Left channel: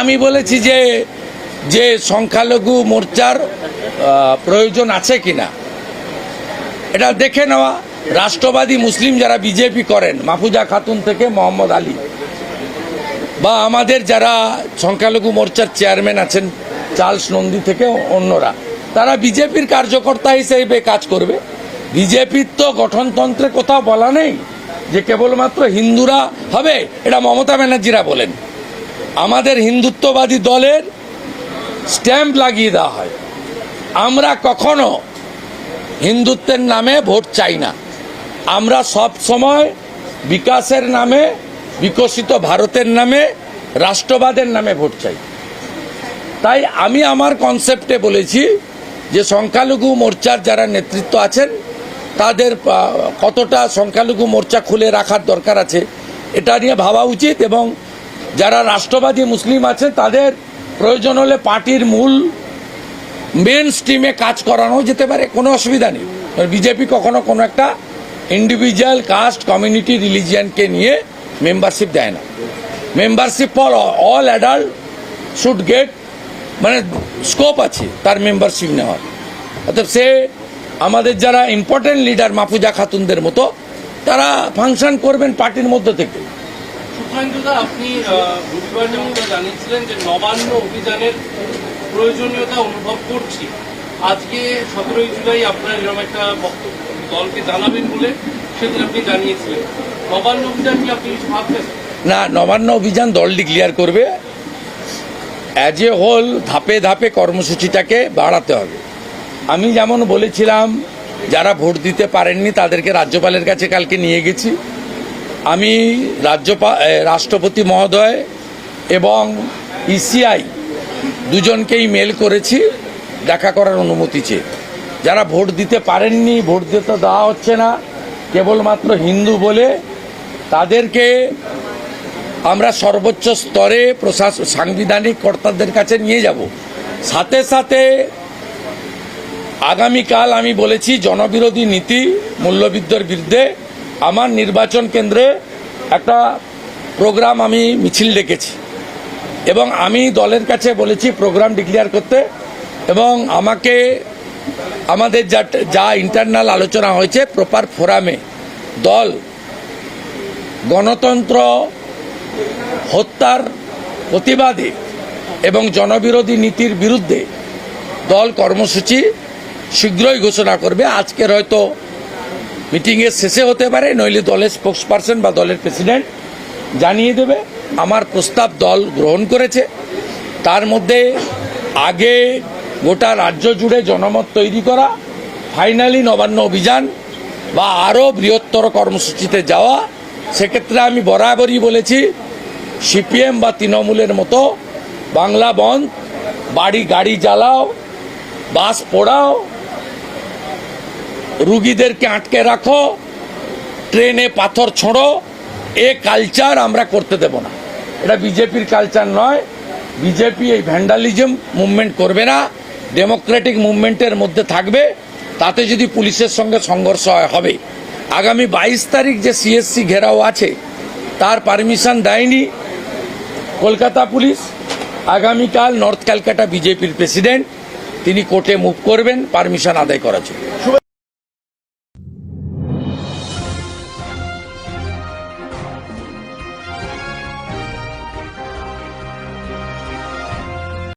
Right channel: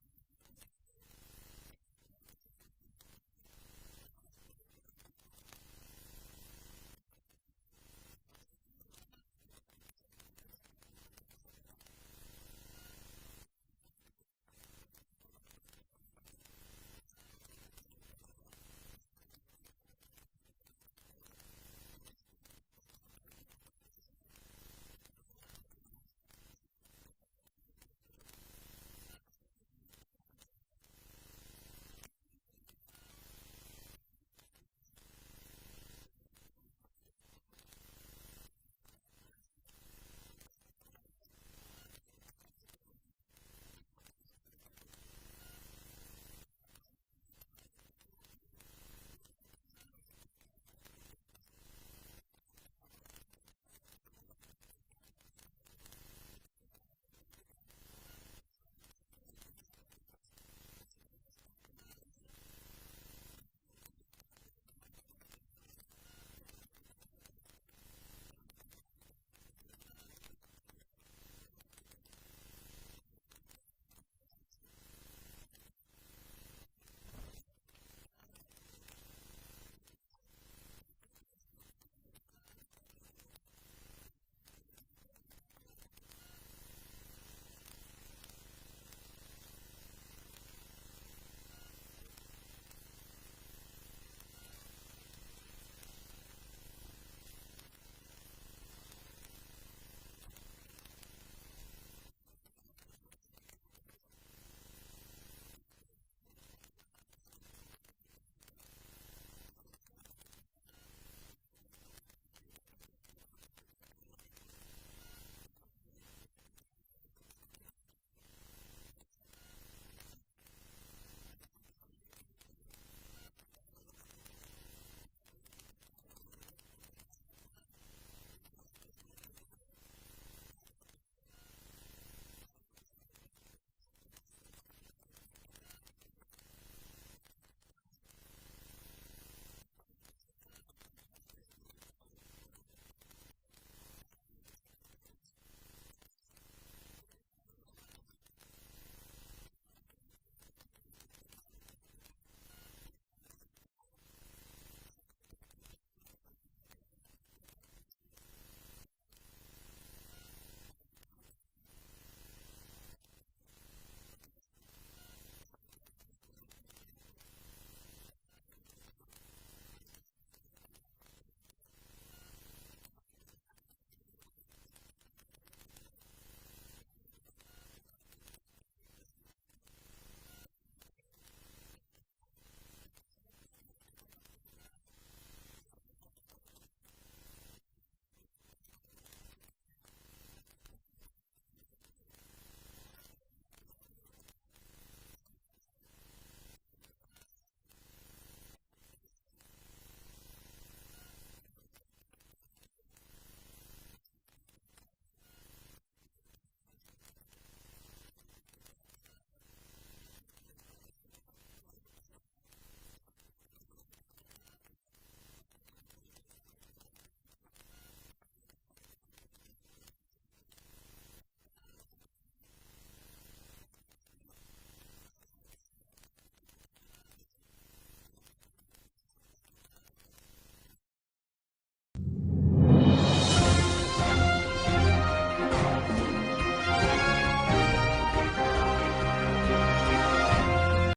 আমি বলেছি যে যে সংখ্যালঘু মোর্চার প্রয়োজন আছে কিনা। এটা দেখে নেওয়া। রাষ্ট্রবাদী মুসলিম যারা বিজেপি করেন, মাহফুজা খাতুন থেকে মোহাম্মদ আলী, বা আমাদের যারা সংখ্যালঘু মোর্চার চেয়ারম্যান আছেন, চার্লস নন্দী থেকে অন্যরা, তারা বিজেপির কার্যকর্তা হিসেবে কাজ করবে। বিজেপির তো গঠনতন্ত্রে কোথাও বলা নেই যে কেবলমাত্র হিন্দুরা হবে, এটা মমতা ব্যানার্জিরা বলেন। আমাদের হিন্দুত্ববাদী দলের স্ট্যাম্প লাগিয়ে দেওয়া হয়। আমরা কখনো হিন্দুত্বের নামে ভোট চাই না। আমরা সব সময় বিকাশের নামে, বিকশিত ভারতের নামে, রাষ্ট্রবাদের নামে ভোট চাই। তাই আমি আমার কনসেপ্টে বলেছি যে সংখ্যালঘু মোর্চার যারা নেতৃত্ব আছেন, তাদের কতটা সংখ্যালঘু মোর্চা খুলে রাখার দরকার আছে, এটা নিয়ে ভাবা উচিত এবং যারা রাষ্ট্রবাদী মুসলিম আছে, তাদের প্রয়োজন হলে পার্টির মূল মেন স্ট্রিমে কাজ করানো যেতে পারে, কোনো অসুবিধা নেই। বিজেপি কখনো কোনো একটা ইন্ডিভিজুয়াল কাস্ট কমিউনিটি রিলিজিয়ানকে নিয়ে মেম্বারশিপ দেয় না। Membership for all adult should get মানে স্কোপ আছে তার মেম্বারশিপ নেওয়ার। অর্থাৎ সে আমাদের যারা ইম্পর্টেন্ট লিডার মাফুজা খাতুনদের মতো, তারা ফাংশন করবেন পার্টির মধ্য থেকে। শুভেন্দুদা আপনি বুধবার যেমন জানিয়েছিলেন যে নবান্ন অভিযানের প্রয়োজনীয়তা অনুভব করছি। আজকে সতেরোই জুলাই আপনার এরকম একটা বক্তব্য, দলকে জানাবেন বলে সেদিন আপনি জানিয়েছিলেন। নবান্ন অভিযান কি আপনি কিছু ভাবছেন? না, নবান্ন অভিযান দল ডিক্লিয়ার করবে। অ্যাজ এ হোল ধাপে ধাপে কর্মসূচিটাকে বাড়াতে হবে। আমি যেমন বলেছিলাম, যারা ভোট দিতে পারেননি তাদেরকে রাজ্যপালের কাছে কালকে নিয়ে গেছি। আমি রাজ্যপাল রাষ্ট্রপতি মহোদয় এবং ইসিআই দুজনকেই মেল করেছি, দেখা করার অনুমতি চেয়ে। যারা ভোট দিতে পারেননি, ভোট দিতে দেওয়া হচ্ছে না, কেবলমাত্র হিন্দু বলে তাদেরকে আমরা সর্বোচ্চ স্তরে প্রশাসন সাংবিধানিক কর্তাদের কাছে নিয়ে যাব। সাথে সাথে আগামীকাল আমি বলেছি, জনবিরোধী নীতি মূল্যবিদ্যার বিরুদ্ধে আমার নির্বাচন কেন্দ্রে একটা প্রোগ্রাম আমি মিছিল ডেকেছি। এবং আমি দলের কাছে বলেছি প্রোগ্রাম ডিক্লেয়ার করতে এবং আমাকে, আমাদের যা যা ইন্টারনাল আলোচনা হয়েছে প্রপার ফোরামে দল, গণতন্ত্র, হত্যার প্রতিবাদে এবং জনবিরোধী নীতির বিরুদ্ধে দল কর্মসূচি শীঘ্রই ঘোষণা করবে। আজকের হয়তো মিটিংয়ের শেষে হতে পারে, নইলে দলের স্পোক্স পারসন বা দলের প্রেসিডেন্ট জানিয়ে দেবে। আমার প্রস্তাব দল গ্রহণ করেছে। তার মধ্যে আগে গোটা রাজ্য জুড়ে জনমত তৈরি করা ফাইনালি নবান্ন অভিযান বা আরও বৃহত্তর কর্মসূচিতে যাওয়া, সেক্ষেত্রে আমি বরাবরই বলেছি, সিপিএম বা তৃণমূলের মতো বাংলা বন্ধ, বাড়ি গাড়ি জ্বালাও, বাস পোড়াও রুগীদেরকে আটকে রাখো, ট্রেনে পাথর ছোঁড়ো, এ কালচার আমরা করতে দেব না। এটা বিজেপির কালচার নয়। বিজেপি এই ভ্যান্ডালিজম মুভমেন্ট করবে না ডেমোক্রেটিক মুভমেন্টের মধ্যে থাকবে, তাতে যদি পুলিশের সঙ্গে সংঘর্ষ হবে। আগামী বাইশ তারিখ যে সিএসসি ঘেরাও আছে, তার পারমিশন দেয়নি কলকাতা পুলিশ। আগামীকাল নর্থ ক্যালকাটা বিজেপির প্রেসিডেন্ট তিনি কোর্টে মুভ করবেন পারমিশন আদায় করার জন্য।